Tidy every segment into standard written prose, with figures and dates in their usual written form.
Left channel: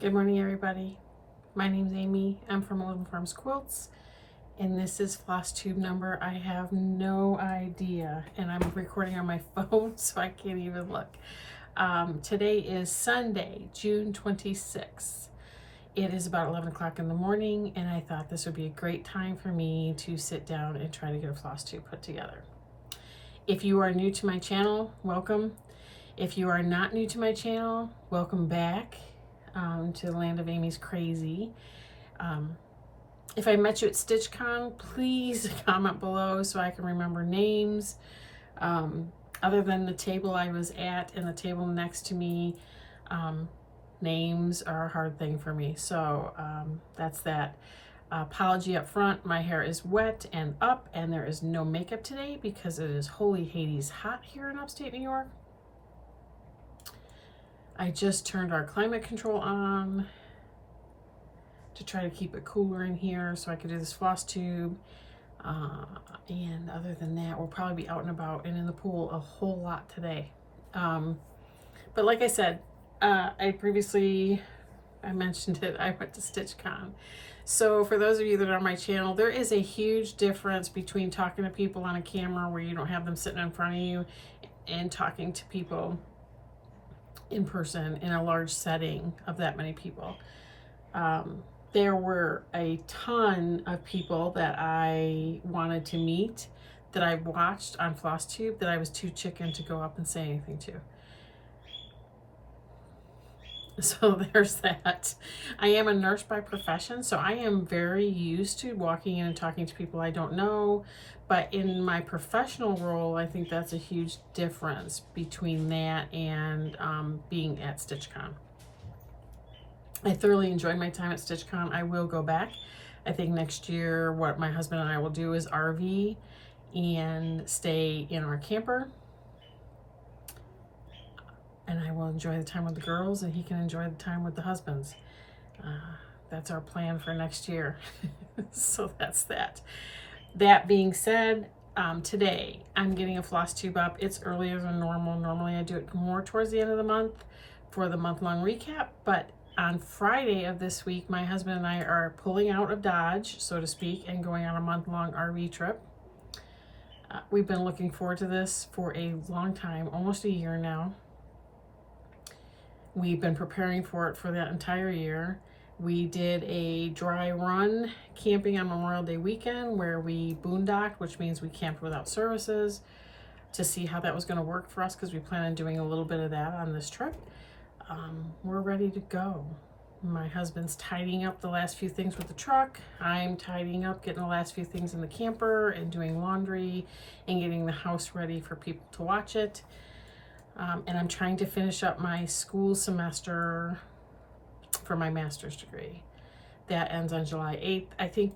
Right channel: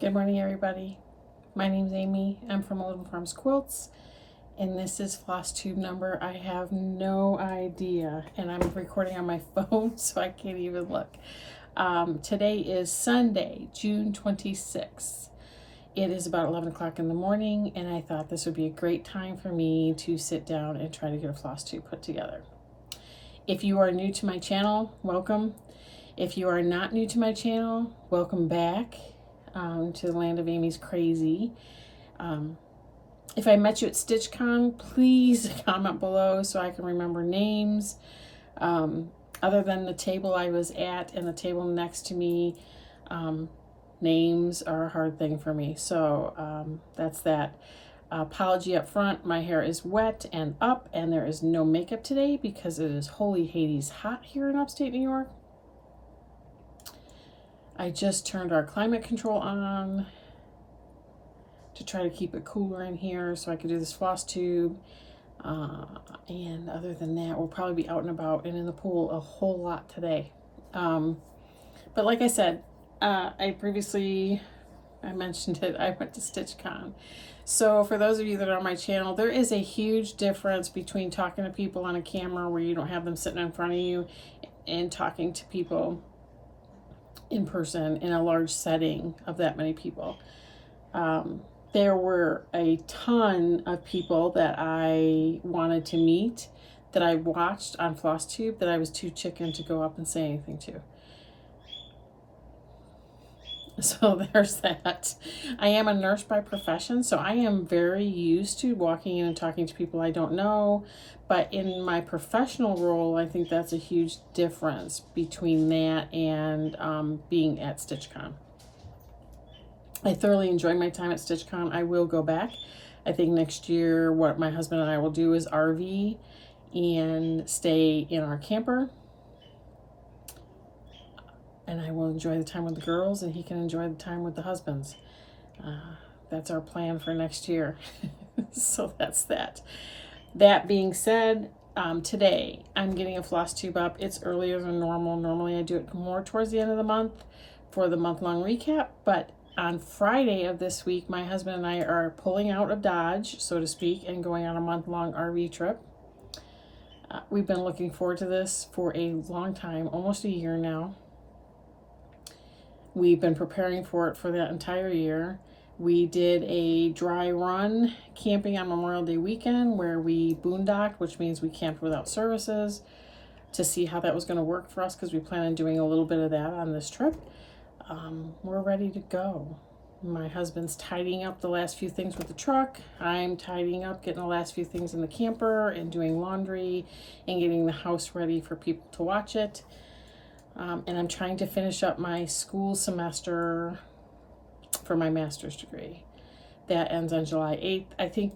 Good morning, everybody. My name's Amy. I'm from 11 Farms Quilts, and this is floss tube number. I have no idea, and I'm recording on my phone, so I can't even look. Today is Sunday, June 26th. It is about 11 o'clock in the morning, and I thought this would be a great time for me to sit down and try to get a floss tube put together. If you are new to my channel, welcome. If you are not new to my channel, welcome back. To the land of Amy's Crazy. If I met you at StitchCon, please comment below so I can remember names. Other than the table I was at and the table next to me, names are a hard thing for me. So that's that. Apology up front, my hair is wet and up, and there is no makeup today because it is holy Hades hot here in upstate New York. I just turned our climate control on to try to keep it cooler in here so I could do this floss tube. And other than that, we'll probably be out and about and in the pool a whole lot today. But like I said, I mentioned it, I went to StitchCon. So for those of you that are on my channel, there is a huge difference between talking to people on a camera where you don't have them sitting in front of you and talking to people in person in a large setting of that many people. There were a ton of people that I wanted to meet that I watched on FlossTube that I was too chicken to go up and say anything to. So there's that. I am a nurse by profession, so I am very used to walking in and talking to people I don't know. But in my professional role, I think that's a huge difference between that and being at StitchCon. I thoroughly enjoyed my time at StitchCon. I will go back. I think next year what my husband and I will do is RV and stay in our camper. And I will enjoy the time with the girls and he can enjoy the time with the husbands. That's our plan for next year. So that's that. That being said, today I'm getting a floss tube up. It's earlier than normal. Normally I do it more towards the end of the month for the month-long recap, but on Friday of this week, my husband and I are pulling out of Dodge, so to speak, and going on a month-long RV trip. We've been looking forward to this for a long time, almost a year now. We've been preparing for it for that entire year. We did a dry run camping on Memorial Day weekend where we boondocked, which means we camped without services, to see how that was going to work for us because we plan on doing a little bit of that on this trip. We're ready to go. My husband's tidying up the last few things with the truck. I'm tidying up, getting the last few things in the camper and doing laundry and getting the house ready for people to watch it. And I'm trying to finish up my school semester for my master's degree. That ends on July 8th. I think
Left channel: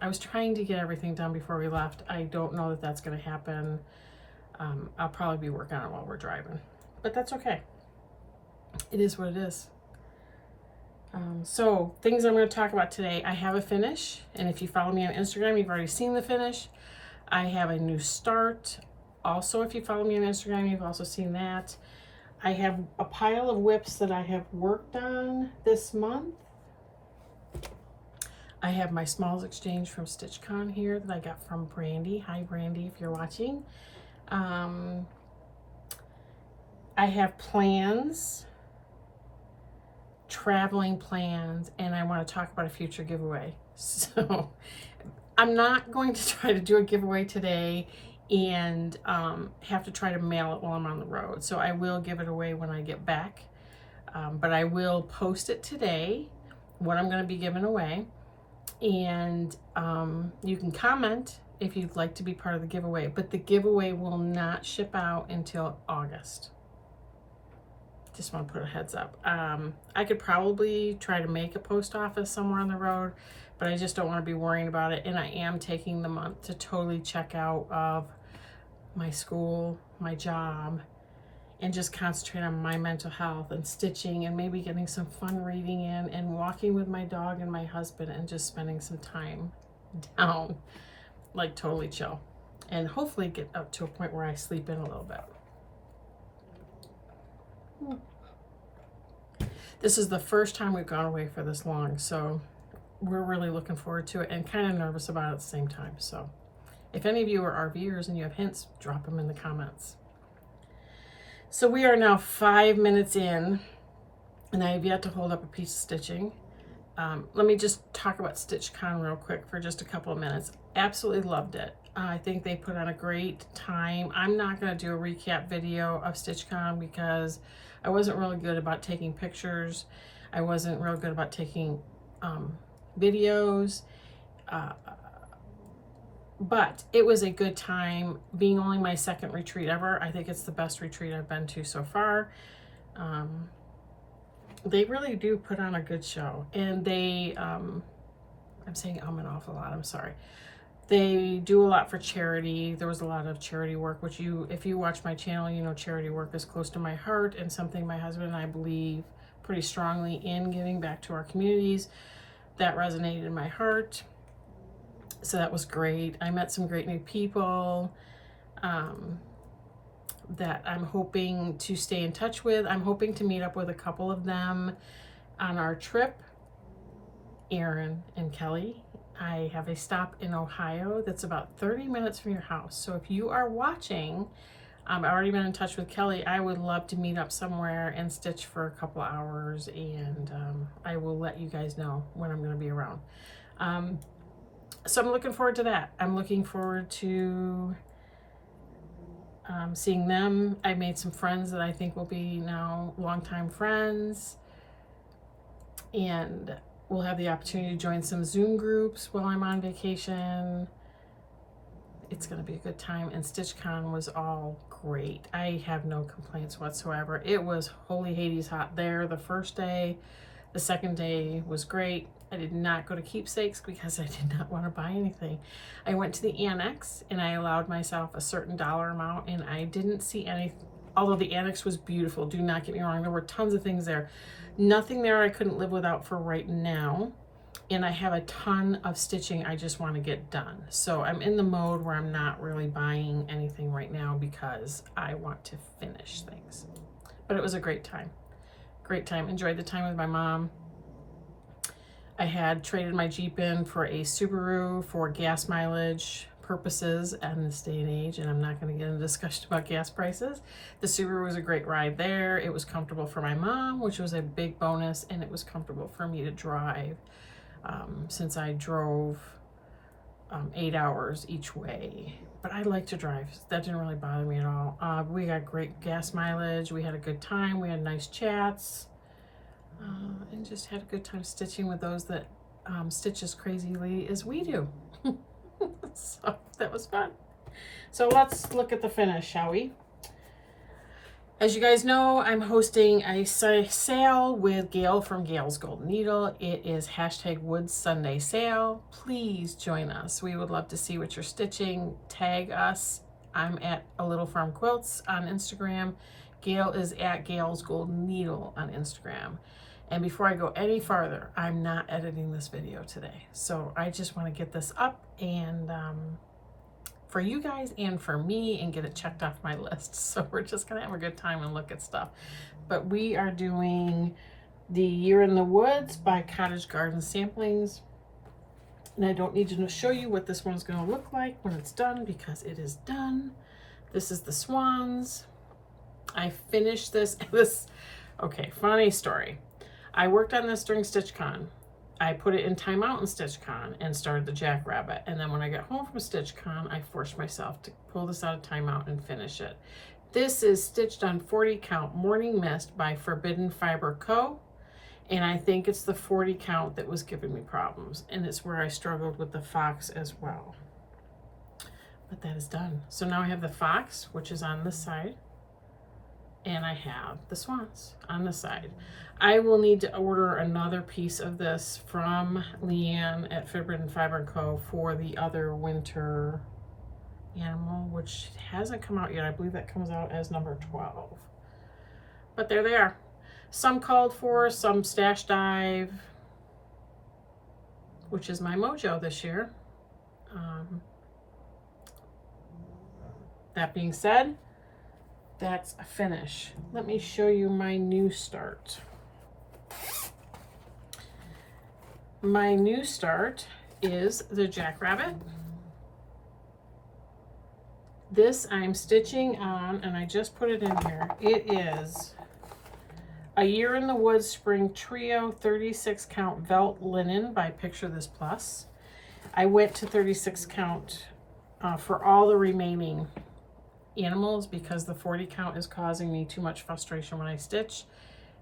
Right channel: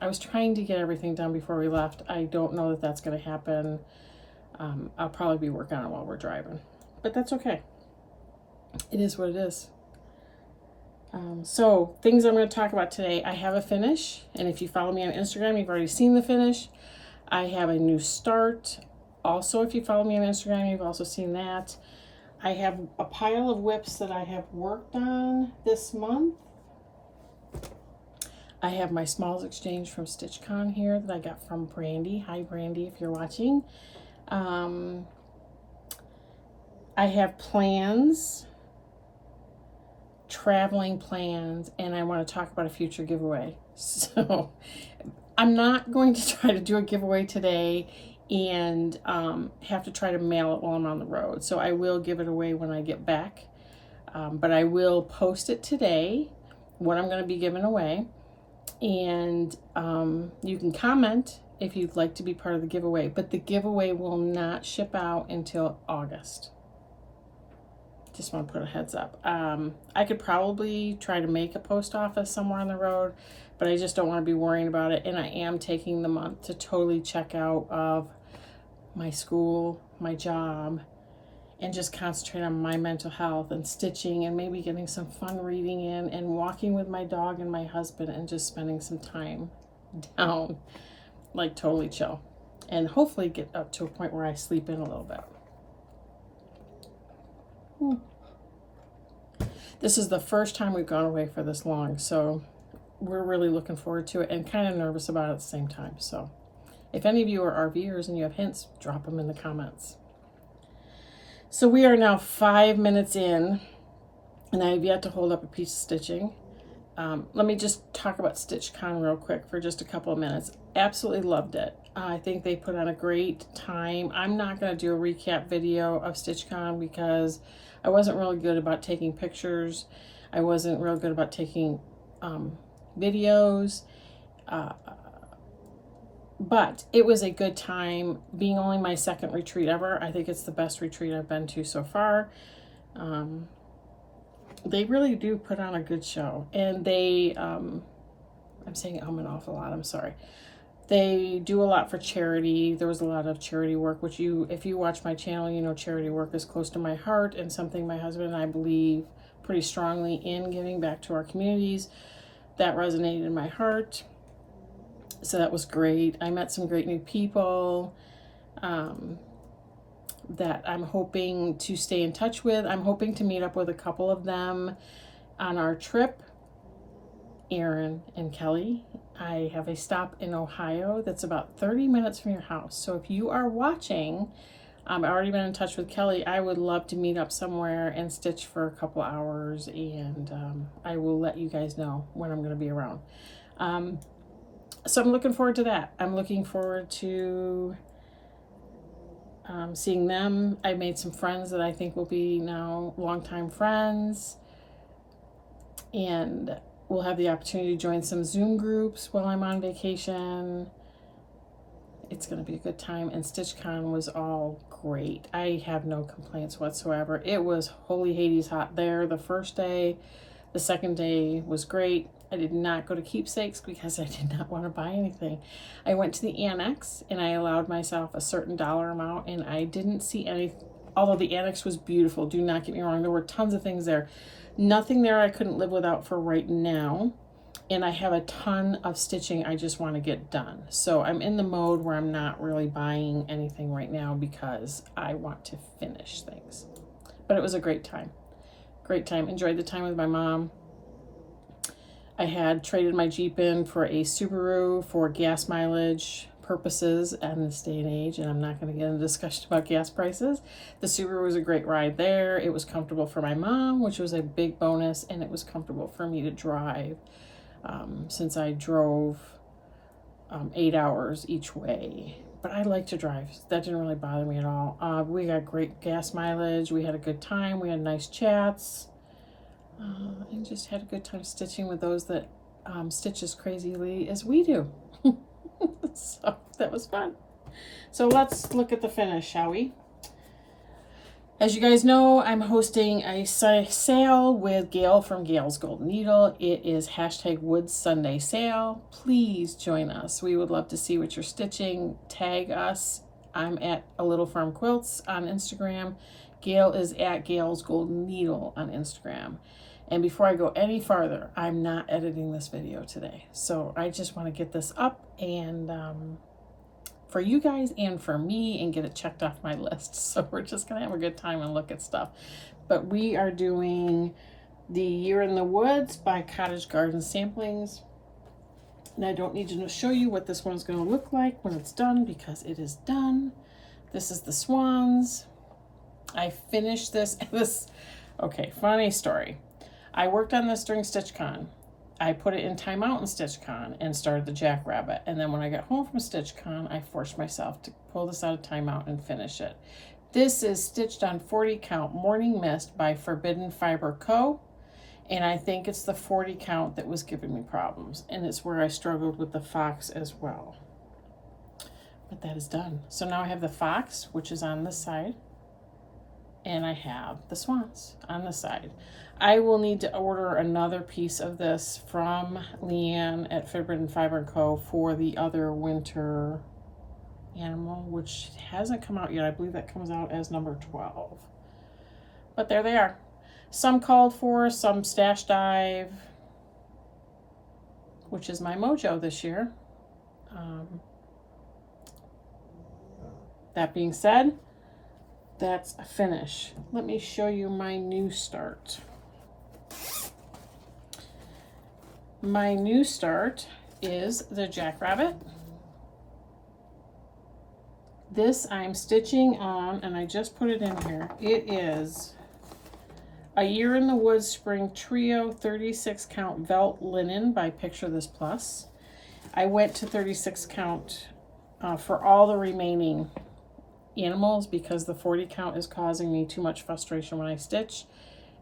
I was trying to get everything done before we left. I don't know that that's going to happen. I'll probably be working on it while we're driving, but that's okay. It is what it is. So things I'm going to talk about today. I have a finish, and if you follow me on Instagram, you've already seen the finish. I have a new start. Also, if you follow me on Instagram, you've also seen that. I have a pile of whips that I have worked on this month. I have my smalls exchange from StitchCon here that I got from Brandy. Hi, Brandy, if you're watching. I have plans, traveling plans, and I want to talk about a future giveaway. So I'm not going to try to do a giveaway today and have to try to mail it while I'm on the road. So I will give it away when I get back. But I will post it today, what I'm going to be giving away. And you can comment if you'd like to be part of the giveaway. But the giveaway will not ship out until August. Just want to put a heads up. I could probably try to make a post office somewhere on the road, but I just don't want to be worrying about it. And I am taking the month to totally check out of my school, my job, and just concentrate on my mental health and stitching and maybe getting some fun reading in and walking with my dog and my husband and just spending some time down, like totally chill. And hopefully get up to a point where I sleep in a little bit. This is the first time we've gone away for this long, so we're really looking forward to it and kind of nervous about it at the same time. So if any of you are RVers and you have hints, drop them in the comments. So we are now 5 minutes in, and I have yet to hold up a piece of stitching. Let me just talk about StitchCon real quick for just a couple of minutes. Absolutely loved it. I think they put on a great time. I'm not going to do a recap video of StitchCon because I wasn't really good about taking pictures. I wasn't real good about taking videos. But it was a good time. Being only my second retreat ever, I think it's the best retreat I've been to so far. They really do put on a good show, and they I'm saying an awful lot, I'm sorry. They do a lot for charity. There was a lot of charity work, which if you watch my channel, you know charity work is close to my heart and something my husband and I believe pretty strongly in, giving back to our communities. That resonated in my heart, so that was great. I met some great new people that I'm hoping to stay in touch with. I'm hoping to meet up with a couple of them on our trip. Aaron and Kelly. I have a stop in Ohio that's about 30 minutes from your house. So if you are watching, I've already been in touch with Kelly. I would love to meet up somewhere and stitch for a couple hours, and I will let you guys know when I'm going to be around. So I'm looking forward to that. I'm looking forward to seeing them. I made some friends that I think will be now longtime friends, and we'll have the opportunity to join some Zoom groups while I'm on vacation. It's going to be a good time, and StitchCon was all great. I have no complaints whatsoever. It was holy Hades hot there the first day. The second day was great. I did not go to Keepsakes because I did not want to buy anything. I went to the Annex and I allowed myself a certain dollar amount, and I didn't see any, although the Annex was beautiful, do not get me wrong, there were tons of things there. Nothing there I couldn't live without for right now, and I have a ton of stitching I just want to get done. So I'm in the mode where I'm not really buying anything right now because I want to finish things. But it was a great time. Great time. Enjoyed the time with my mom. I had traded my Jeep in for a Subaru for gas mileage purposes in this day and age, and I'm not going to get into a discussion about gas prices. The Subaru was a great ride there. It was comfortable for my mom, which was a big bonus, and it was comfortable for me to drive since I drove 8 hours each way. But I like to drive. That didn't really bother me at all. We got great gas mileage. We had a good time. We had nice chats. And just had a good time stitching with those that stitch as crazily as we do. So that was fun. So let's look at the finish, shall we? As you guys know, I'm hosting a sale with Gail from Gail's Golden Needle. It is #Wood Sunday Sale. Please join us. We would love to see what you're stitching. Tag us. I'm at A Little Farm Quilts on Instagram. Gail is at Gail's Golden Needle on Instagram. And before I go any farther, I'm not editing this video today. So I just want to get this up and for you guys and for me, and get it checked off my list. So we're just going to have a good time and look at stuff. But we are doing the Year in the Woods by Cottage Garden Samplings. And I don't need to show you what this one's going to look like when it's done, because it is done. This is the swans. I finished this. Okay, funny story. I worked on this during StitchCon. I put it in timeout in StitchCon and started the Jackrabbit. And then when I got home from StitchCon, I forced myself to pull this out of timeout and finish it. This is stitched on 40 count Morning Mist by Forbidden Fiber Co. And I think it's the 40 count that was giving me problems. And it's where I struggled with the fox as well. But that is done. So now I have the fox, which is on this side. And I have the swans on the side. I will need to order another piece of this from Leanne at Forbidden Fiber Co. for the other winter animal, which hasn't come out yet. I believe that comes out as number 12. But there they are. Some called for, some Stash Dive, which is my mojo this year. That being said, that's a finish. Let me show you my new start. My new start is the Jackrabbit. This I'm stitching on, and I just put it in here. It is A Year in the Woods Spring Trio 36 count Velt Linen by Picture This Plus. I went to 36 count for all the remaining animals because the 40 count is causing me too much frustration when I stitch.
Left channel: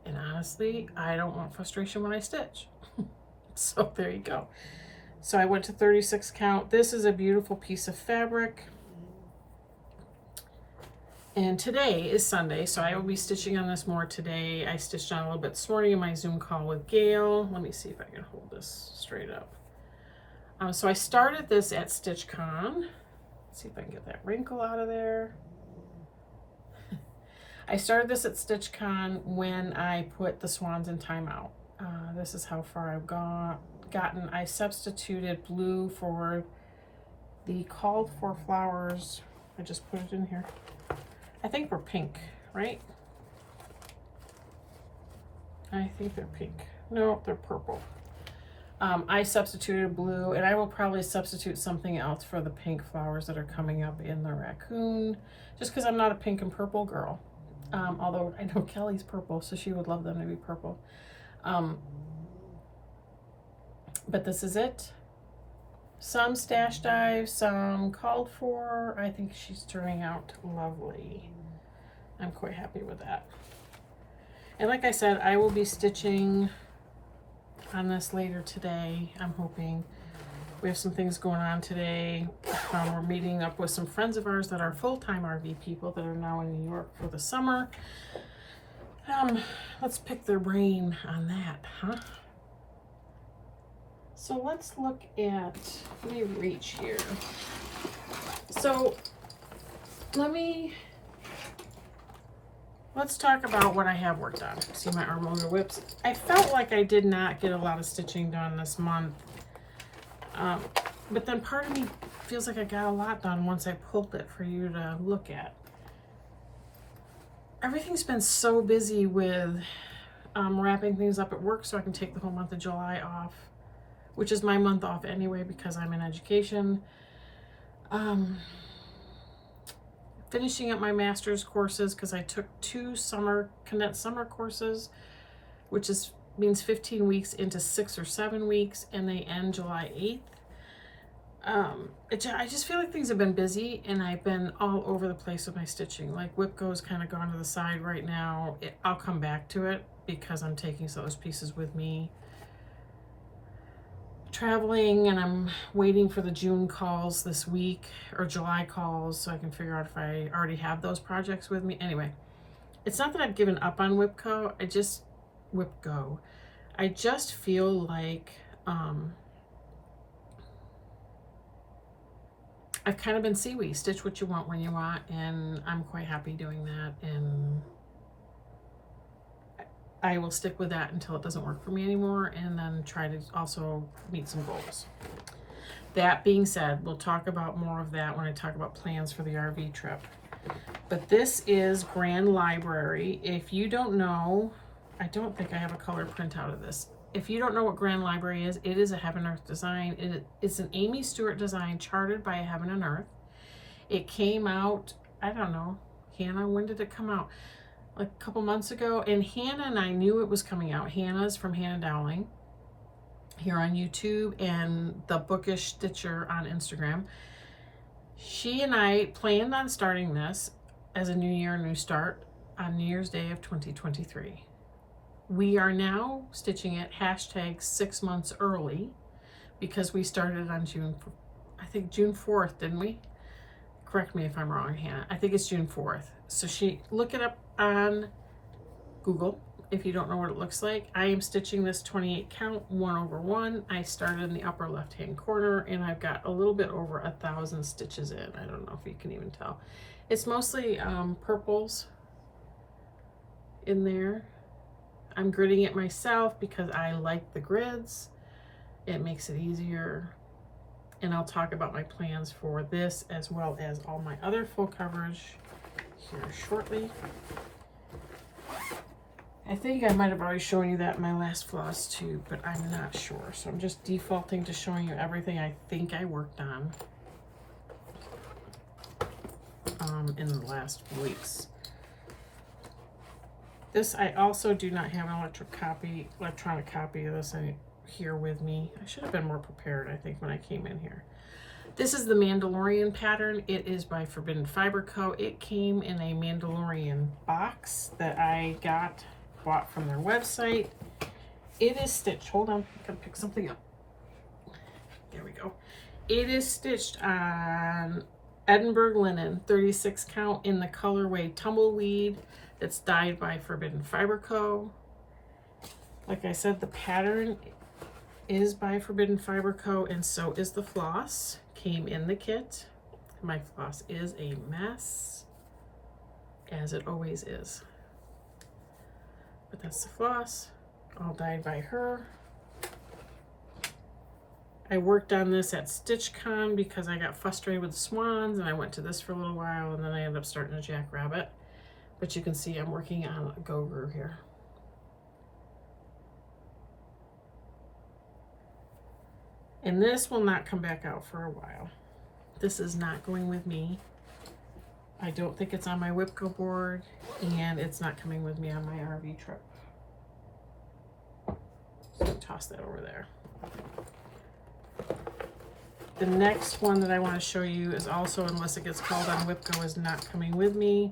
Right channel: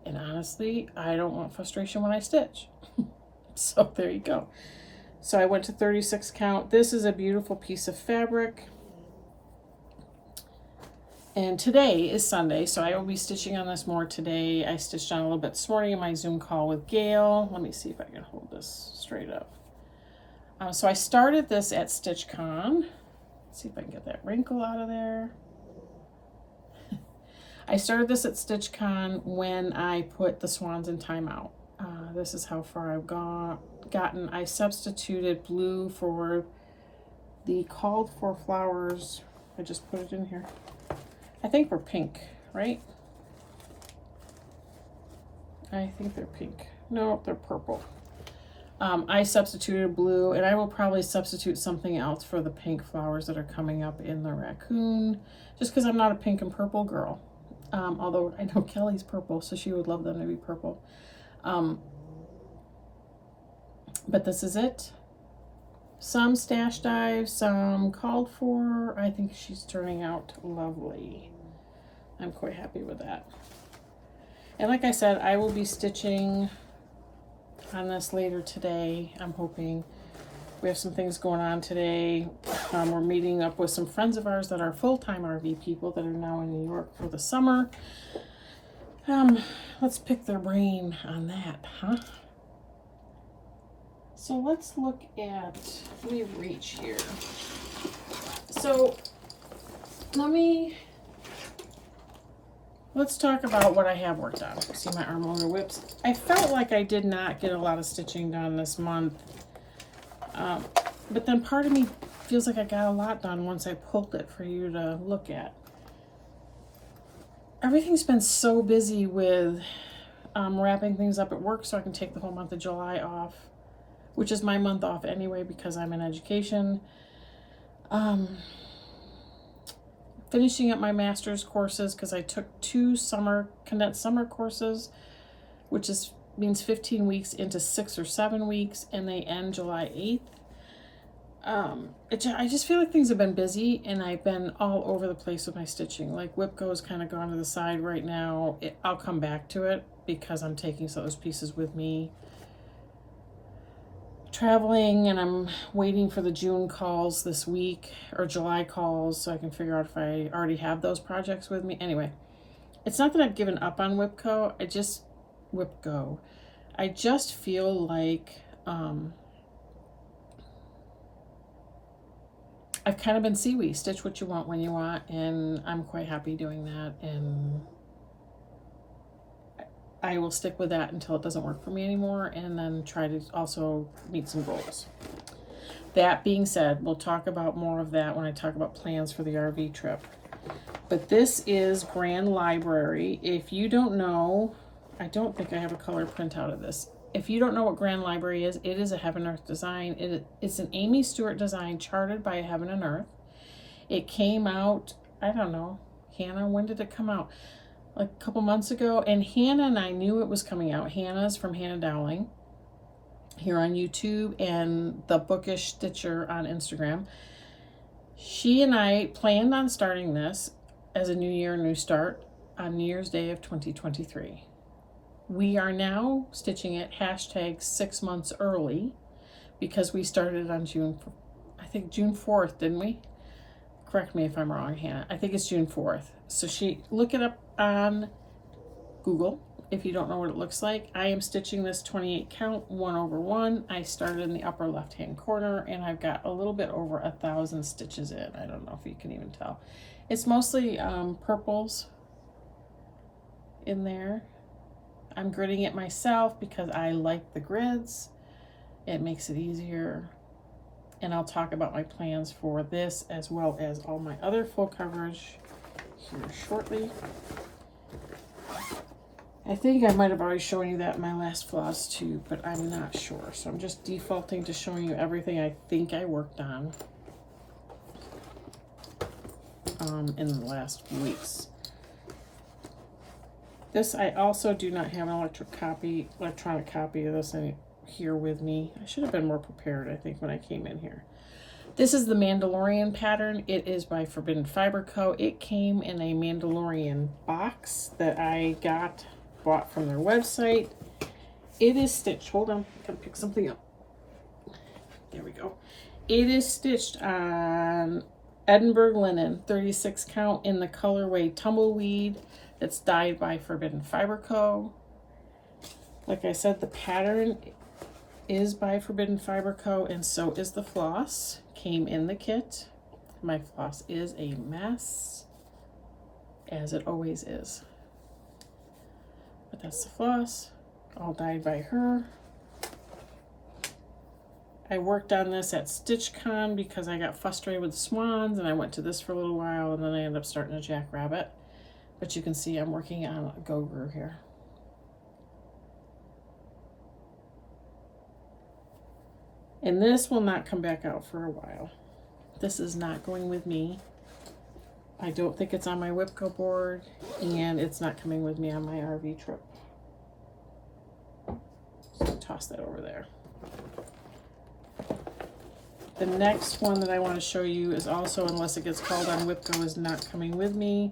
And honestly, I don't want frustration when I stitch. So there you go. So I went to 36 count. This is a beautiful piece of fabric. And today is Sunday, so I will be stitching on this more today. I stitched on a little bit this morning in my Zoom call with Gail. Let me see if I can hold this straight up. So I started this at StitchCon. Let's see if I can get that wrinkle out of there. I started this at StitchCon when I put the swans in timeout. This is how far I've gotten. I substituted blue for the called for flowers. I just put it in here. I think they're pink, right? I think they're pink. No, they're purple. I substituted blue, and I will probably substitute something else for the pink flowers that are coming up in the raccoon, just because I'm not a pink and purple girl. Although I know Kelly's purple, so she would love them to be purple. But this is it. Some stash dive, some called for. I think she's turning out lovely. I'm quite happy with that. And like I said, I will be stitching on this later today. I'm hoping. We have some things going on today. We're meeting up with some friends of ours that are full-time RV people that are now in New York for the summer. Let's pick their brain on that, huh? So let's look at, let me reach here. So let's talk about what I have worked on. See my arm motor whips. I felt like I did not get a lot of stitching done this month. But then part of me feels like I got a lot done once I pulled it for you to look at. Everything's been so busy with wrapping things up at work so I can take the whole month of July off, which is my month off anyway because I'm in education. Finishing up my master's courses because I took 2 condensed summer courses, which means 15 weeks into 6 or 7 weeks, and they end July 8th. I just feel like things have been busy, and I've been all over the place with my stitching. Like Whipco's kind of gone to the side right now. I'll come back to it because I'm taking some of those pieces with me traveling, and I'm waiting for the June calls this week, or July calls, so I can figure out if I already have those projects with me. Anyway, it's not that I've given up on Whipco. I just feel like I've kind of been seaweed, stitch what you want when you want, and I'm quite happy doing that, and I will stick with that until it doesn't work for me anymore, and then try to also meet some goals. That being said, we'll talk about more of that when I talk about plans for the RV trip. But this is Grand Library. If you don't know, I don't think I have a color printout of this. If you don't know what Grand Library is, it is a Heaven Earth design. It's an Amy Stewart design chartered by Heaven and Earth. It came out, I don't know, Hannah, when did it come out? Like a couple months ago. And Hannah and I knew it was coming out. Hannah's from Hannah Dowling here on YouTube, and the Bookish Stitcher on Instagram. She and I planned on starting this as a new year, new start on New Year's Day of 2023. We are now stitching it hashtag 6 months early because we started on June 4th, didn't we? Correct me if I'm wrong, Hannah. I think it's June 4th. So look it up on Google if you don't know what it looks like. I am stitching this 28 count 1/1. I started in the upper left hand corner, and I've got a little bit over 1,000 stitches in. I don't know if you can even tell. It's mostly purples in there. I'm gridding it myself because I like the grids. It makes it easier. And I'll talk about my plans for this as well as all my other full coverage here shortly. I think I might have already shown you that in my last floss tube, but I'm not sure. So I'm just defaulting to showing you everything I think I worked on in the last weeks. This, I also do not have an electronic copy of this here with me. I should have been more prepared, I think, when I came in here. This is the Mandalorian pattern. It is by Forbidden Fiber Co. It came in a Mandalorian box that I bought from their website. It is stitched. Hold on, gotta pick something up. There we go. It is stitched on Edinburgh linen, 36 count in the colorway Tumbleweed. It's dyed by Forbidden Fiber Co. Like I said, the pattern is by Forbidden Fiber Co. and so is the floss. Came in the kit. My floss is a mess, as it always is. But that's the floss, all dyed by her. I worked on this at StitchCon because I got frustrated with the swans, and I went to this for a little while, and then I ended up starting a jackrabbit. But you can see I'm working on a go-guru here. And this will not come back out for a while. This is not going with me. I don't think it's on my Whipco board, and it's not coming with me on my RV trip. So toss that over there. The next one that I want to show you is also, unless it gets called on Whipco, is not coming with me.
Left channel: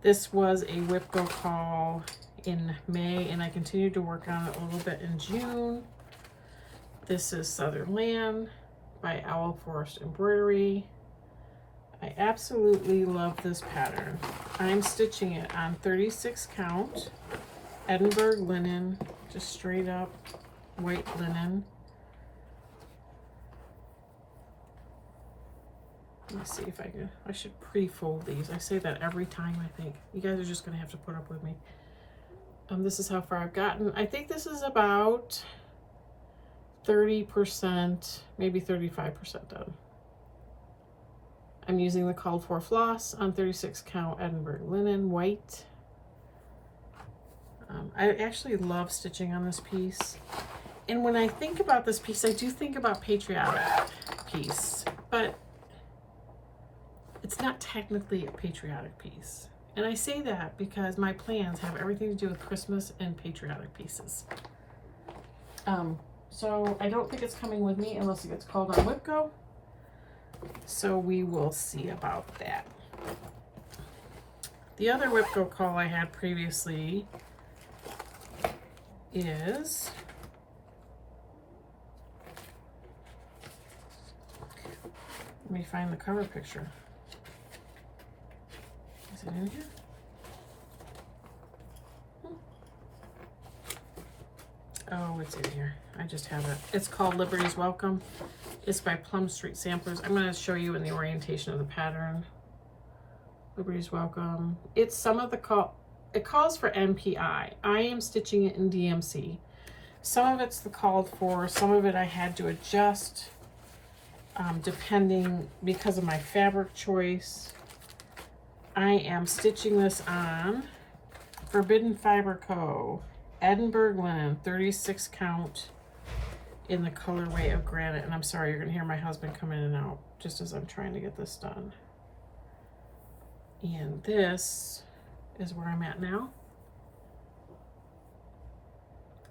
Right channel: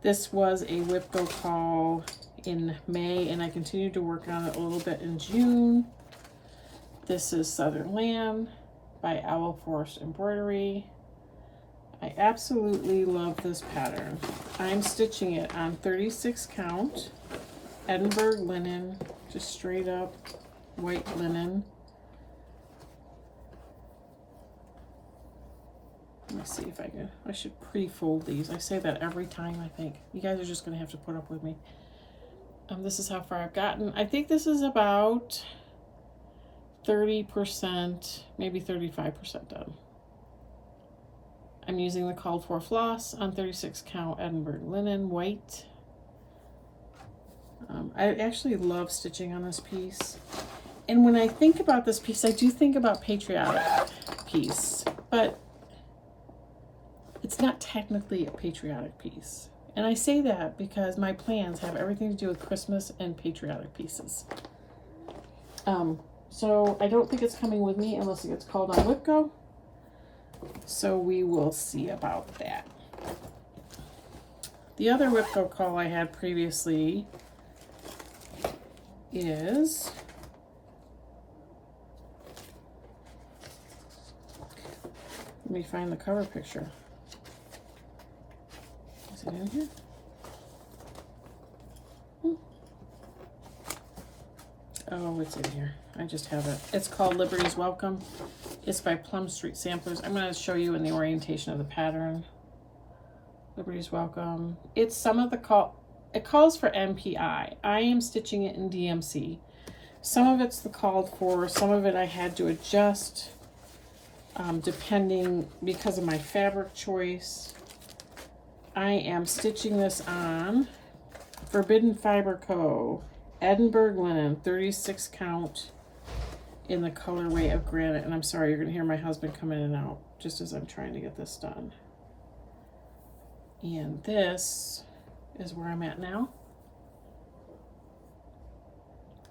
This was a Whipco call in May, and I continued to work on it a little bit in June. This is Southern Land by Owl Forest Embroidery. I absolutely love this pattern. I'm stitching it on 36 count, Edinburgh linen, just straight up white linen. Let me see if I should pre-fold these. I say that every time, I think. You guys are just gonna have to put up with me. This is how far I've gotten. I think this is about 30%, maybe 35% done. I'm using the called for floss on 36 count Edinburgh linen, white. I actually love stitching on this piece. And when I think about this piece, I do think about patriotic piece, but it's not technically a patriotic piece. And I say that because my plans have everything to do with Christmas and patriotic pieces. So I don't think it's coming with me unless it gets called on Whipco. So we will see about that. The other Whipco call I had previously is let me find the cover picture. Is it in here? Oh, it's in here. I just have it. It's called Liberty's Welcome. It's by Plum Street Samplers. I'm going to show you in the orientation of the pattern. Liberty's Welcome. It's some of the it calls for MPI. I am stitching it in DMC. Some of it's the called for. Some of it I had to adjust depending because of my fabric choice. I am stitching this on Forbidden Fiber Co. Edinburgh linen, 36 count in the colorway of Granite. And I'm sorry, you're gonna hear my husband come in and out just as I'm trying to get this done. And this is where I'm at now.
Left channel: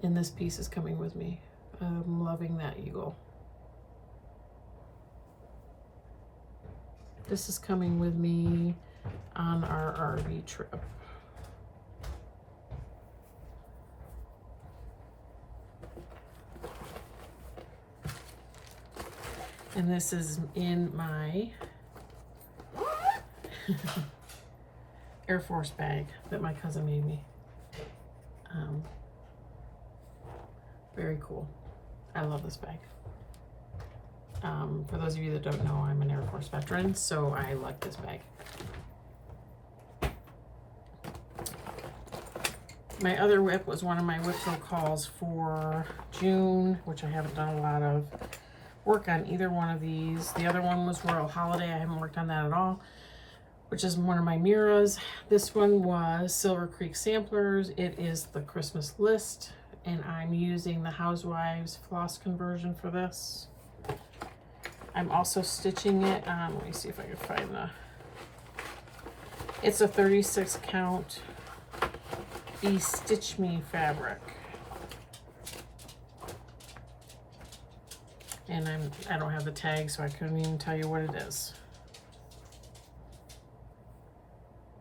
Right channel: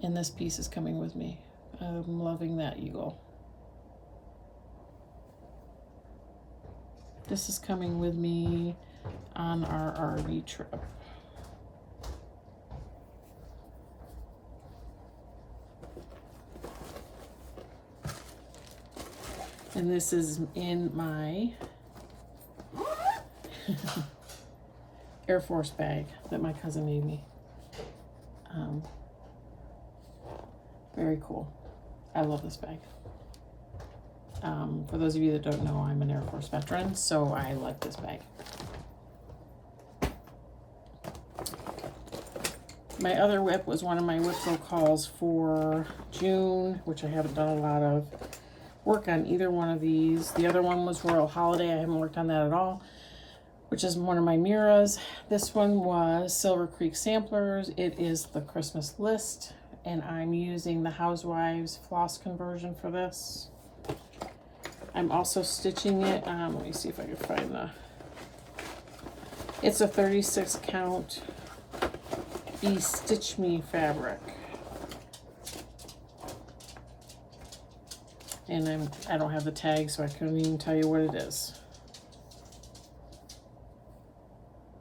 And this piece is coming with me. I'm loving that eagle. This is coming with me on our RV trip. And this is in my Air Force bag that my cousin made me. Very cool. I love this bag. For those of you that don't know, I'm an Air Force veteran, so I like this bag. My other whip was one of my Whipco calls for June, which I haven't done a lot of work on either one of these. The other one was Royal Holiday. I haven't worked on that at all. which is one of my mirrors. This one was Silver Creek Samplers. It is the Christmas list, and I'm using the Housewives floss conversion for this. I'm also stitching it. Let me see if I can find the... It's a 36 count Be Stitch Me fabric. And I don't have the tag, so I couldn't even tell you what it is.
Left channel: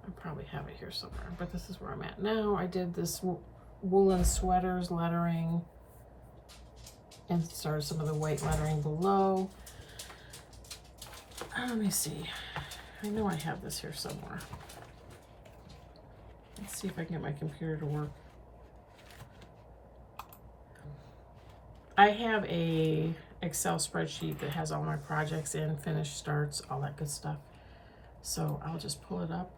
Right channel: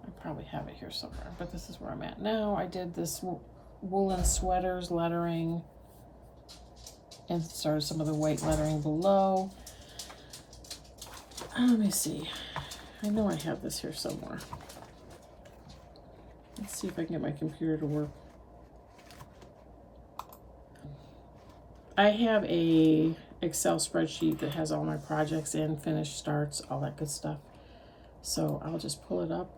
I probably have it here somewhere, but this is where I'm at now. I did this woolen sweaters lettering and started some of the white lettering below. Let me see. I know I have this here somewhere. Let's see if I can get my computer to work. I have a Excel spreadsheet that has all my projects in, finished starts, all that good stuff. So I'll just pull it up.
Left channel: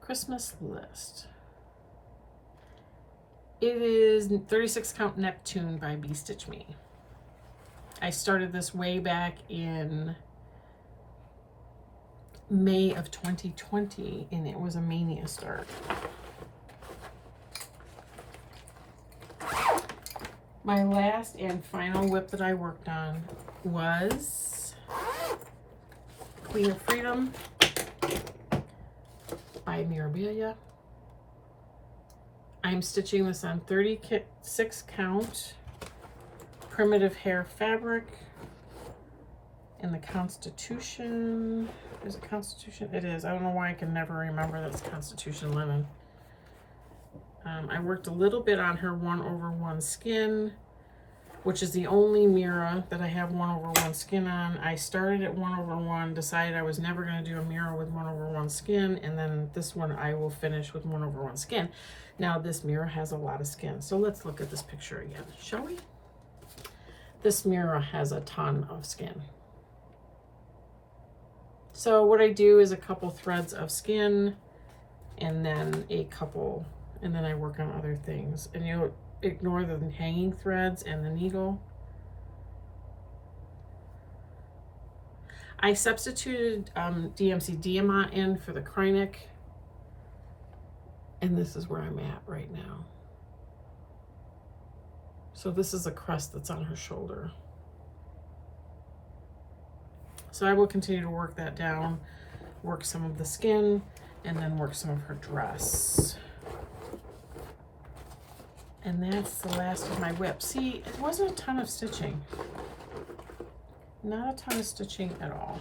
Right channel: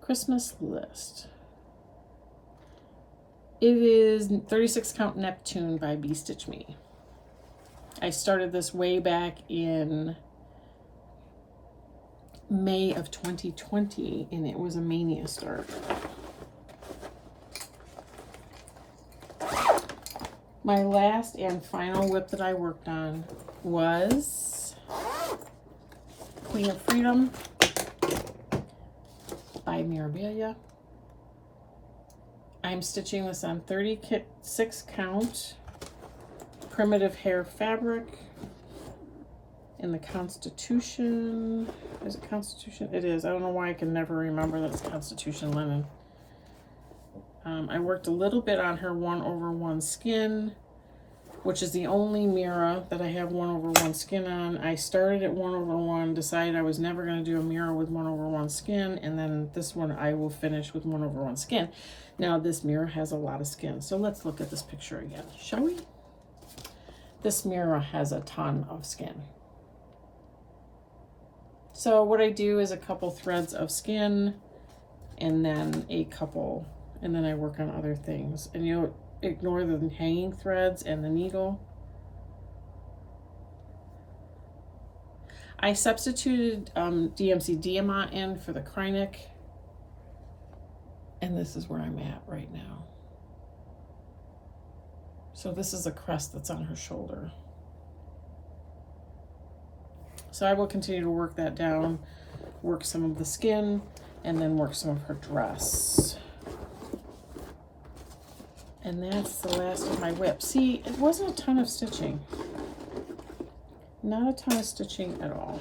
Christmas list. It is 36 count Neptune by Be Stitch Me. I started this way back in May of 2020, and it was a mania start. My last and final whip that I worked on was Queen of Freedom by Mirabilia. I'm stitching this on 36 count primitive hair fabric in the Constitution. Is it Constitution? It is. I don't know why I can never remember that it's Constitution linen. I worked a little bit on her 1/1 skin, which is the only mirror that I have 1/1 skin on. I started at 1/1, decided I was never going to do a mirror with 1/1 skin, and then this one I will finish with 1/1 skin. Now this mirror has a lot of skin, so let's look at this picture again, shall we? This mirror has a ton of skin. So what I do is a couple threads of skin, and then and then I work on other things. And you'll ignore the hanging threads and the needle. I substituted DMC Diamant in for the Kreinik, and this is where I'm at right now. So this is the crest that's on her shoulder. So I will continue to work that down, work some of the skin, and then work some of her dress. And that's the last of my whip. See, it wasn't a ton of stitching. Not a ton of stitching at all.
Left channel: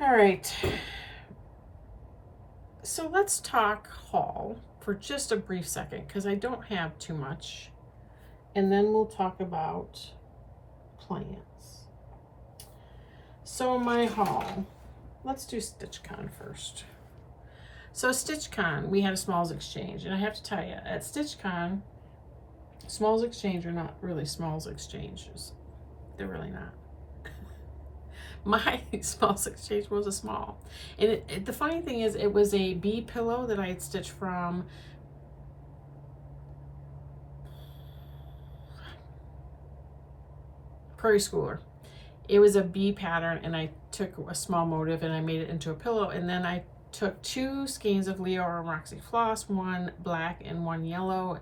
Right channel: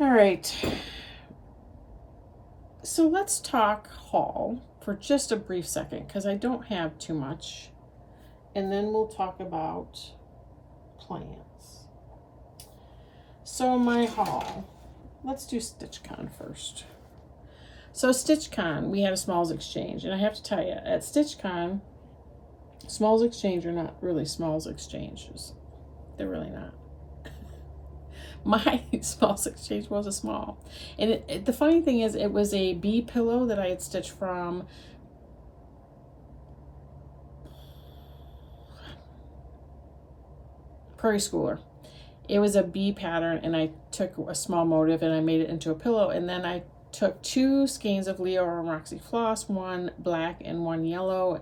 All right. So let's talk haul for just a brief second, because I don't have too much. And then we'll talk about plans. So my haul, let's do StitchCon first. So StitchCon, we had a Smalls Exchange, and I have to tell you, at StitchCon, Smalls Exchange are not really Smalls Exchanges. They're really not. My Smalls Exchange was a small. And the funny thing is, it was a bee pillow that I had stitched from Prairie Schooler. It was a bee pattern, and I took a small motif and I made it into a pillow, and then I took 2 skeins of Leo and Roxy floss, one black and one yellow,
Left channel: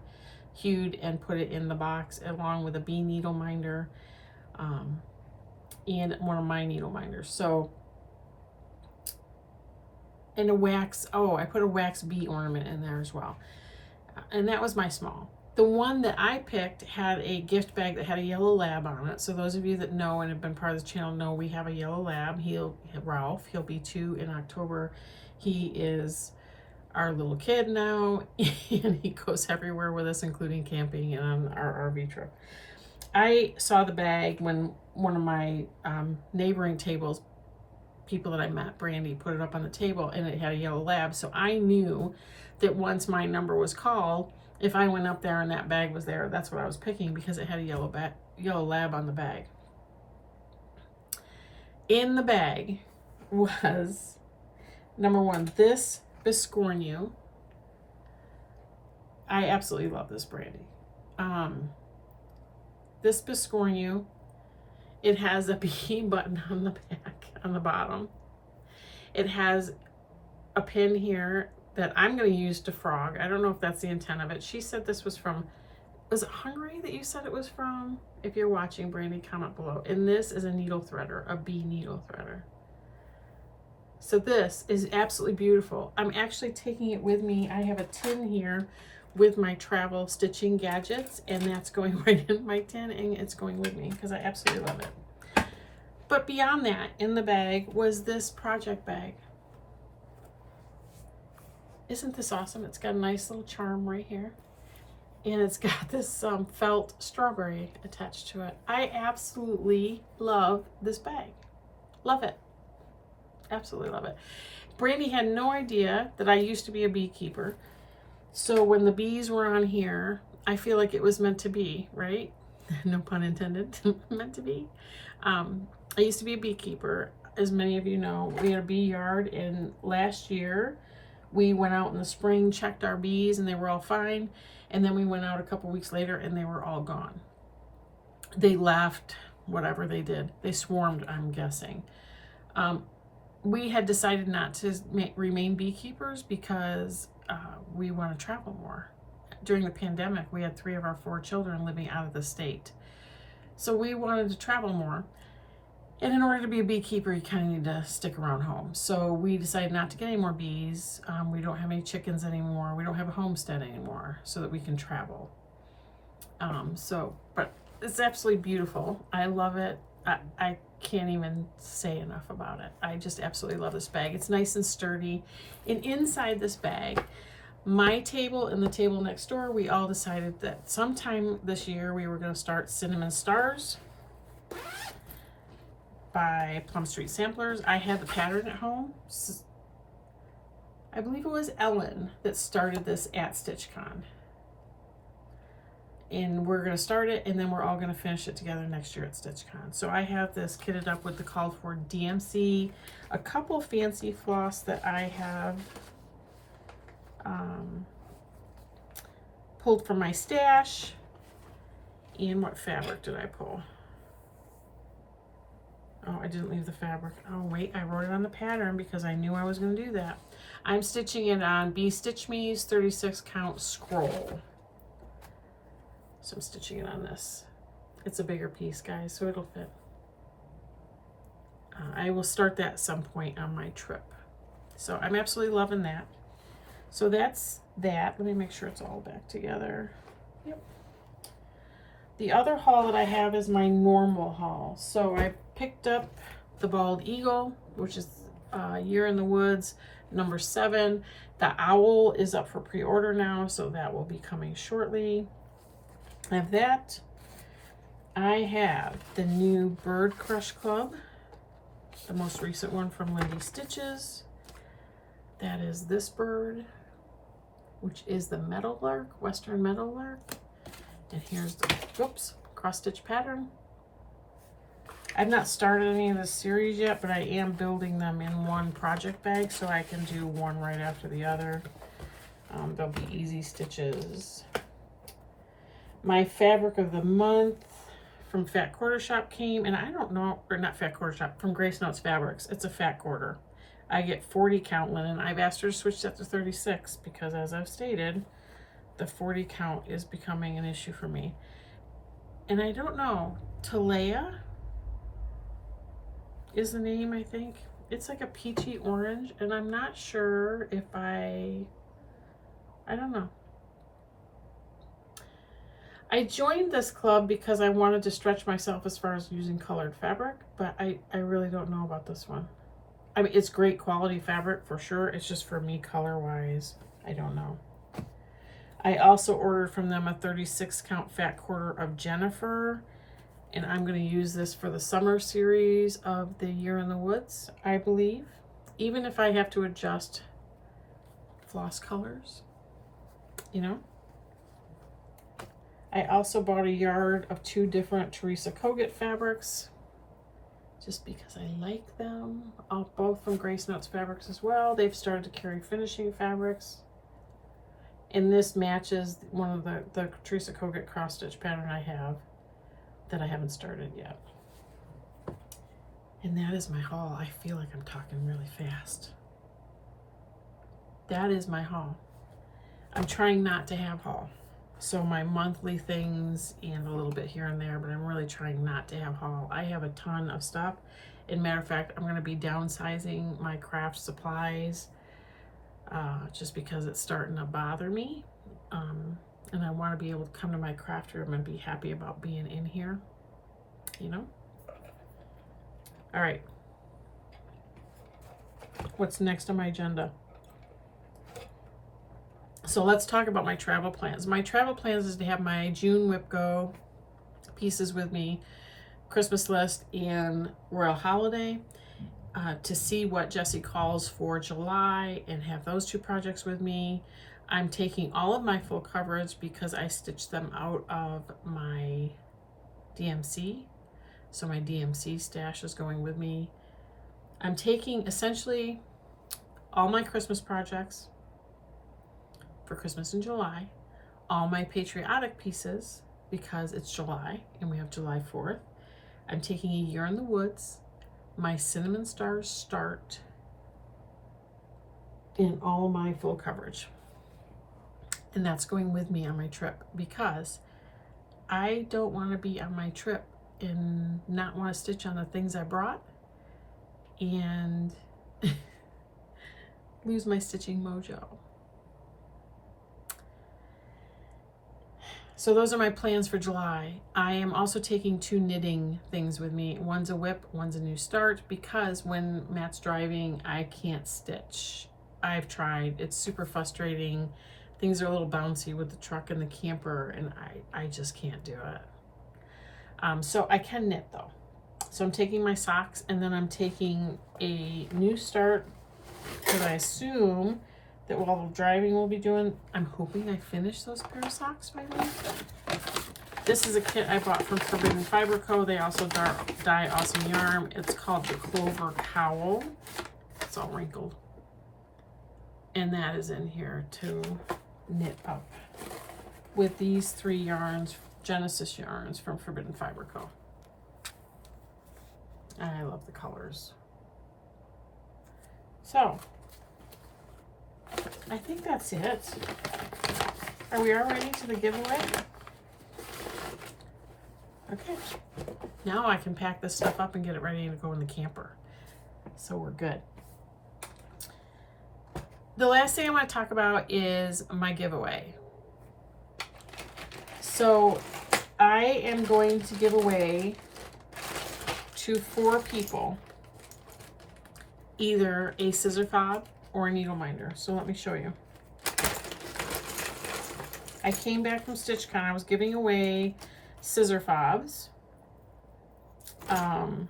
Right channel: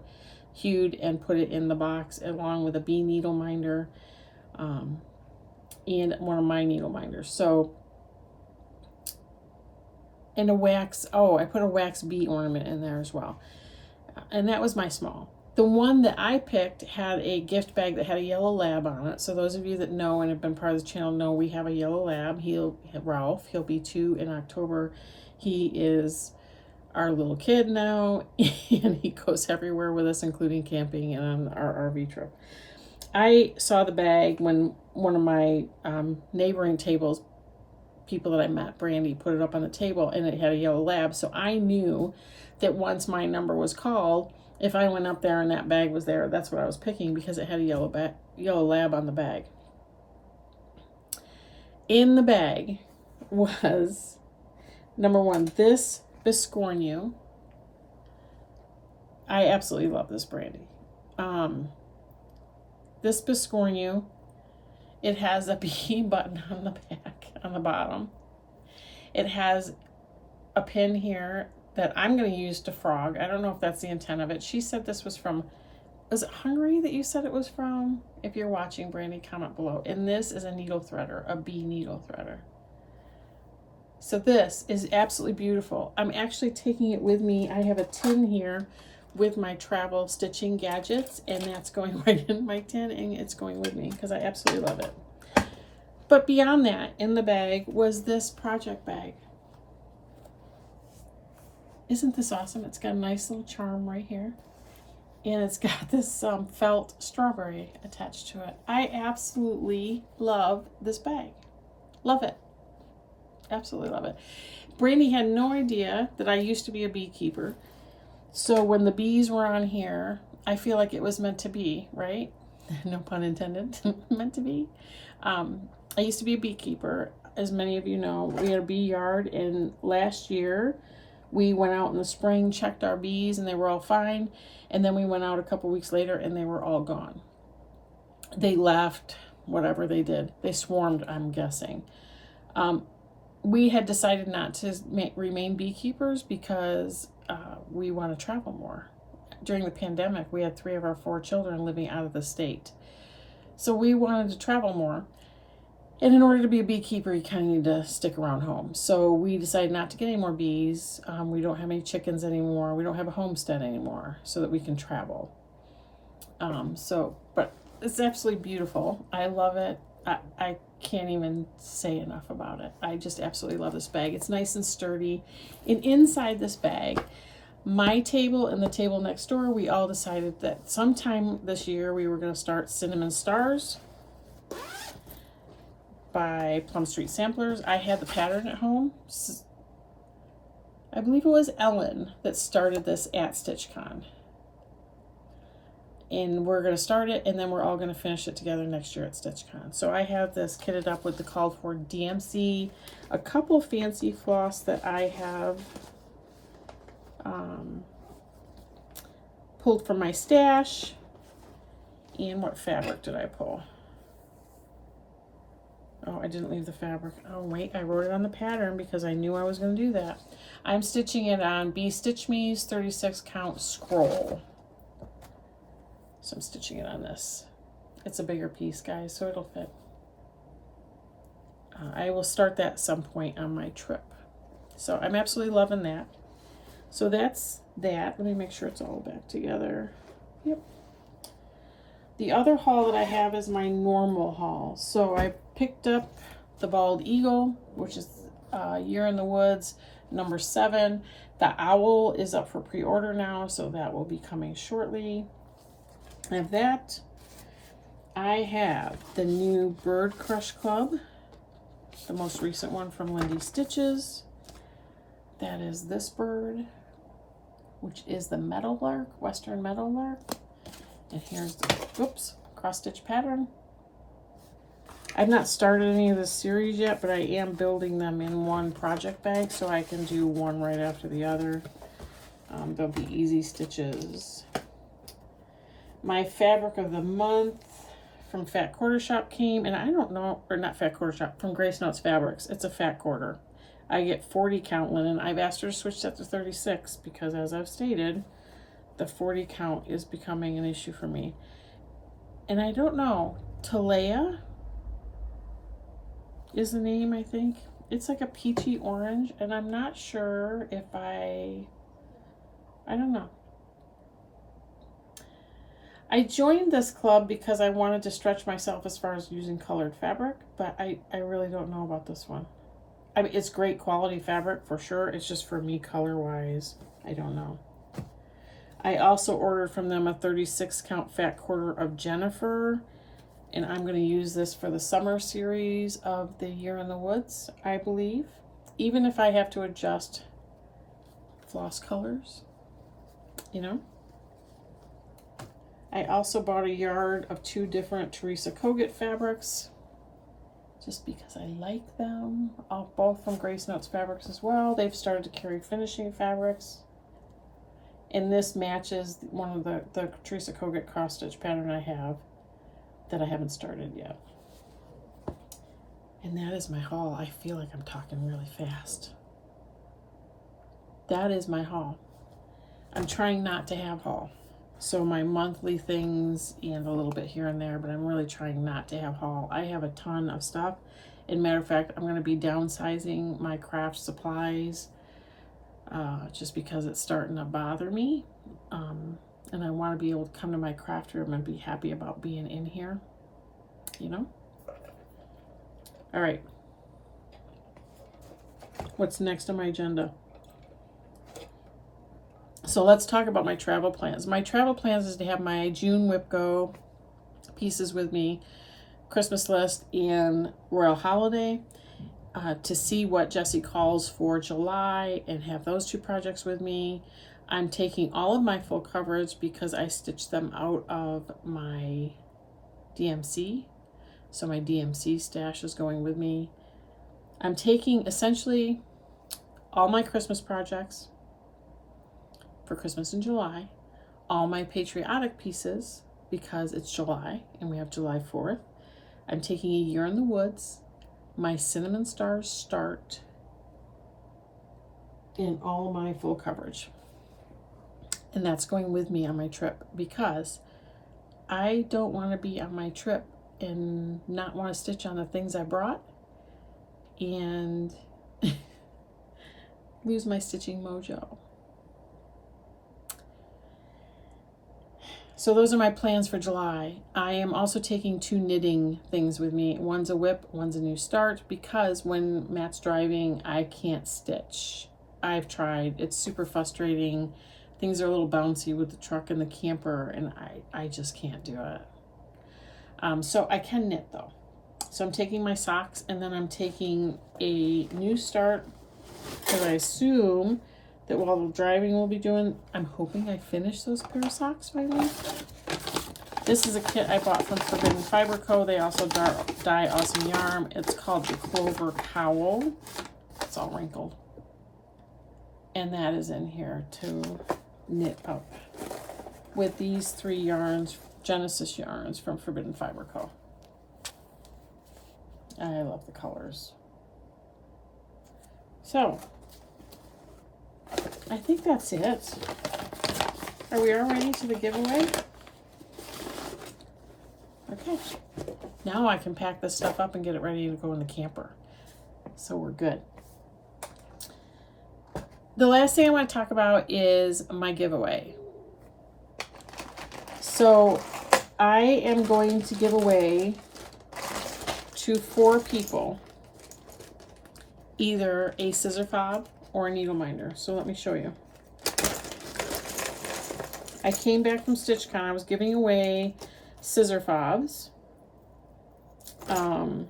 hued, and put it in the box along with a bee needle minder and one of my needle minders. So, and a wax, I put a wax bee ornament in there as well. And that was my small. The one that I picked had a gift bag that had a yellow lab on it. So those of you that know and have been part of the channel know we have a yellow lab. Ralph, he'll be 2 in October. He is our little kid now, and he goes everywhere with us, including camping and on our RV trip. I saw the bag when one of my neighboring tables, people that I met, Brandy, put it up on the table, and it had a yellow lab. So I knew that once my number was called, if I went up there and that bag was there, that's what I was picking, because it had a yellow lab on the bag. In the bag was, number 1, this Biscornu. I absolutely love this Brandy. This Biscornu It has a B button on the back, on the bottom. It has a pin here that I'm going to use to frog. I don't know if that's the intent of it. She said this was from, was it Hungary that you said it was from? If you're watching, Brandy, comment below. And this is a needle threader, a bee needle threader. So this is absolutely beautiful. I'm actually taking it with me. I have a tin here with my travel stitching gadgets, and that's going right in my tin, and it's going with me because I absolutely love it. But beyond that, in the bag was this project bag. Isn't this awesome? It's got a nice little charm right here, and it's got this felt strawberry attached to it. I absolutely love this bag. Love it. Absolutely love it. Brandy had no idea that I used to be a beekeeper. So when the bees were on here, I feel like it was meant to be, right? No pun intended, meant to be. I used to be a beekeeper. As many of you know, we had a bee yard, and last year we went out in the spring, checked our bees, and they were all fine. And then we went out a couple weeks later and they were all gone. They left, whatever they did. They swarmed, I'm guessing. We had decided not to remain beekeepers because we want to travel more. During the pandemic, we had 3 of our 4 children living out of the state. So we wanted to travel more. And in order to be a beekeeper, you kind of need to stick around home. So we decided not to get any more bees. We don't have any chickens anymore. We don't have a homestead anymore so that we can travel. But it's absolutely beautiful. I love it. I can't even say enough about it. I just absolutely love this bag. It's nice and sturdy. And inside this bag, my table and the table next door, we all decided that sometime this year we were going to start Cinnamon Stars by Plum Street Samplers. I had the pattern at home. I believe it was Ellen that started this at StitchCon. And we're going to start it, and then we're all going to finish it together next year at StitchCon. So I have this kitted up with the called for DMC, a couple fancy floss that I have pulled from my stash. And what fabric did I pull? Oh, I didn't leave the fabric. Oh, wait, I wrote it on the pattern because I knew I was going to do that. I'm stitching it on Bee Stitch Me's 36 count scroll. So I'm stitching it on this. It's a bigger piece, guys, so it'll fit. I will start that at some point on my trip. So I'm absolutely loving that. So that's that. Let me make sure it's all back together. Yep. The other haul that I have is my normal haul. So I picked up the Bald Eagle, which is Year in the Woods, number 7. The owl is up for pre-order now, so that will be coming shortly. I have that. I have the new Bird Crush Club, the most recent one from Lindy Stitches. That is this bird, which is the Meadowlark, Western Meadowlark. And here's the, whoops, cross stitch pattern. I've not started any of this series yet, but I am building them in one project bag so I can do one right after the other. They'll be easy stitches. My fabric of the month from Fat Quarter Shop came, and I don't know, or not Fat Quarter Shop, from Grace Notes Fabrics. It's a fat quarter. I get 40 count linen. I've asked her to switch that to 36 because, as I've stated, the 40 count is becoming an issue for me. And I don't know, Talea is the name, I think. It's like a peachy orange, and I'm not sure if I don't know. I joined this club because I wanted to stretch myself as far as using colored fabric, but I really don't know about this one. I mean, it's great quality fabric for sure. It's just for me color-wise, I don't know. I also ordered from them a 36 count fat quarter of Jennifer, and I'm going to use this for the summer series of the Year in the Woods, I believe, even if I have to adjust floss colors, you know. I also bought a yard of 2 different Teresa Kogut fabrics just because I like them, both from Grace Notes Fabrics as well. They've started to carry finishing fabrics. And this matches one of the Teresa Kogut cross stitch pattern I have that I haven't started yet. And that is my haul. I feel like I'm talking really fast. That is my haul. I'm trying not to have haul. So my monthly things and a little bit here and there, but I'm really trying not to have haul. I have a ton of stuff. And matter of fact, I'm going to be downsizing my craft supplies just because it's starting to bother me. And I want to be able to come to my craft room and be happy about being in here, you know? All right. What's next on my agenda? So let's talk about my travel plans. My travel plans is to have my June WIPGO pieces with me, Christmas list, and Royal Holiday, to see what Jessie calls for July and have those two projects with me. I'm taking all of my full coverage because I stitched them out of my DMC. So my DMC stash is going with me. I'm taking essentially all my Christmas projects for Christmas in July, all my patriotic pieces because it's July and we have July 4th. I'm taking A Year in the Woods, my Cinnamon Stars Start, and all my full coverage. And that's going with me on my trip because I don't want to be on my trip and not want to stitch on the things I brought and lose my stitching mojo. So those are my plans for July. I am also taking 2 knitting things with me. One's a whip, one's a new start, because when Matt's driving, I can't stitch. I've tried. It's super frustrating. Things are a little bouncy with the truck and the camper, and I just can't do it. So I can knit though. So I'm taking my socks, and then I'm taking a new start because I assume that while the driving we'll be doing, I'm hoping I finish those pair of socks by then. This is a kit I bought from Forbidden Fiber Co. They also dye awesome yarn. It's called the Clover Cowl. It's all wrinkled. And that is in here to knit up with these 3 yarns, Genesis yarns from Forbidden Fiber Co. I love the colors. So, I think that's it. Are we all ready to the giveaway? Okay. Now I can pack this stuff up and get it ready to go in the camper. So we're good. The last thing I want to talk about is my giveaway. So I am going to give away to 4 people either a scissor fob or a needle minder. So let me show you. I came back from StitchCon. I was giving away scissor fobs. And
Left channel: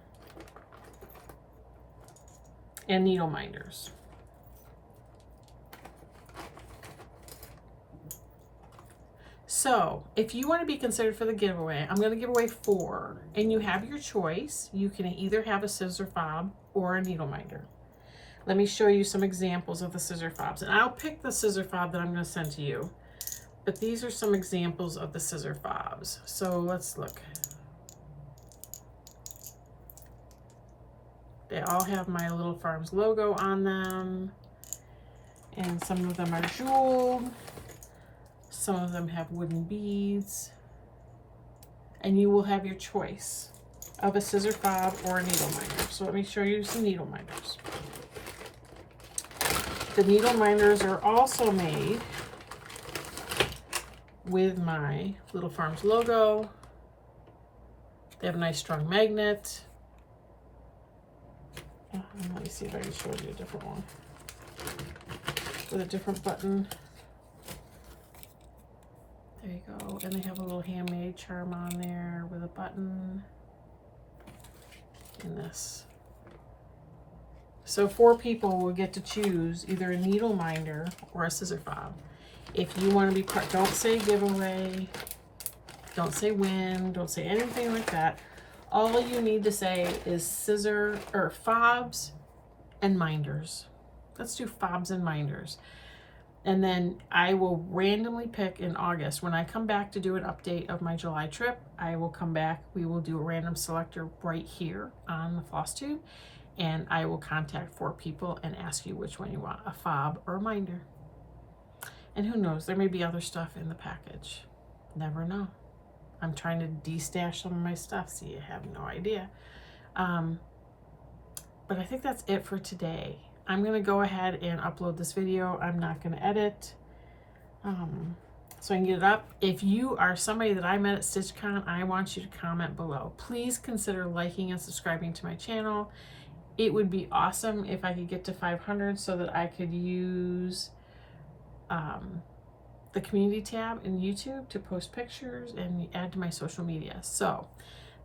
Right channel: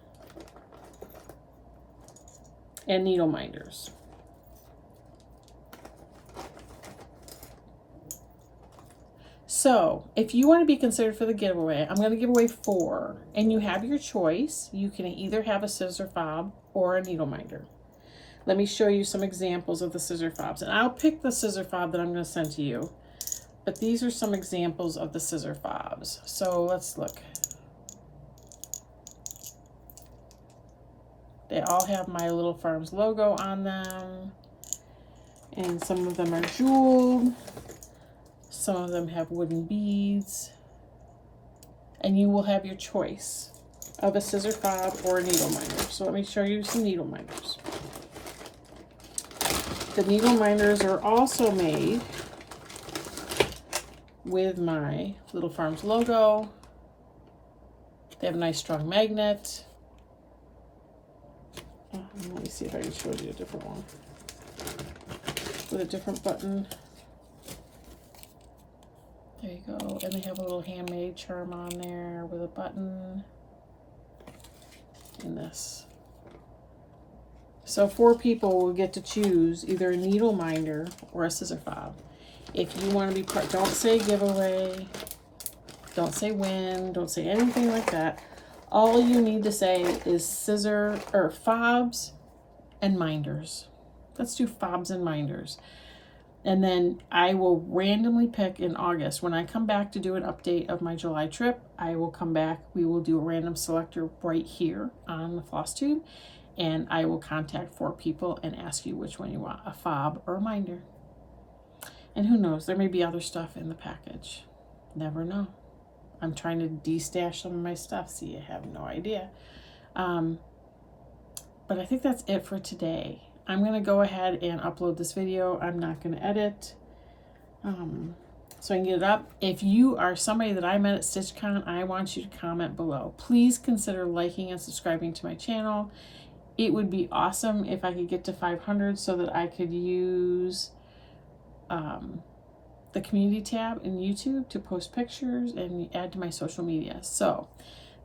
needle minders. So if you want to be considered for the giveaway, I'm going to give away 4, and you have your choice. You can either have a scissor fob or a needle minder. Let me show you some examples of the scissor fobs, and I'll pick the scissor fob that I'm going to send to you. But these are some examples of the scissor fobs. So let's look. They all have my Little Farms logo on them, and some of them are jeweled. Some of them have wooden beads, and you will have your choice of a scissor fob or a needle minder. So let me show you some needle minders. The needle minders are also made with my Little Farms logo. They have a nice strong magnet. Let me see if I can show you a different one with a different button. There you go. And they have a little handmade charm on there with a button in this. So 4 people will get to choose either a needle minder or a scissor fob. If you want to be part, don't say giveaway, don't say win, don't say anything like that. All you need to say is scissor or fobs and minders. Let's do fobs and minders. And then I will randomly pick in August. When I come back to do an update of my July trip, I will come back. We will do a random selector right here on the floss tube. And I will contact 4 people and ask you which one you want, a fob or a minder. And who knows, there may be other stuff in the package. Never know. I'm trying to de-stash some of my stuff, so you have no idea. But I think that's it for today. I'm going to go ahead and upload this video. I'm not going to edit, so I can get it up. If you are somebody that I met at StitchCon, I want you to comment below. Please consider liking and subscribing to my channel. It would be awesome if I could get to 500 so that I could use the community tab in YouTube to post pictures and add to my social media. So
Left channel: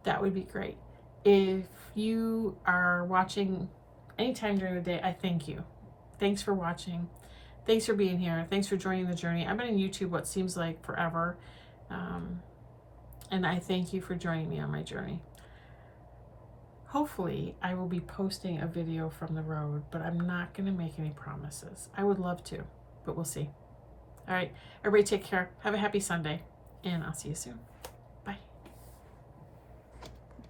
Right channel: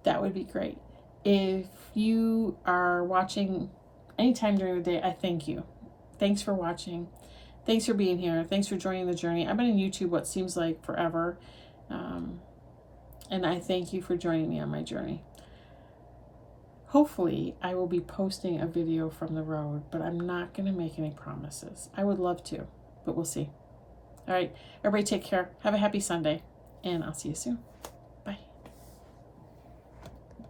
that would be great. If you are watching anytime during the day, I thank you. Thanks for watching. Thanks for being here. Thanks for joining the journey. I've been in YouTube what seems like forever. And I thank you for joining me on my journey. Hopefully, I will be posting a video from the road, but I'm not going to make any promises. I would love to, but we'll see. All right, everybody take care. Have a happy Sunday, and I'll see you soon.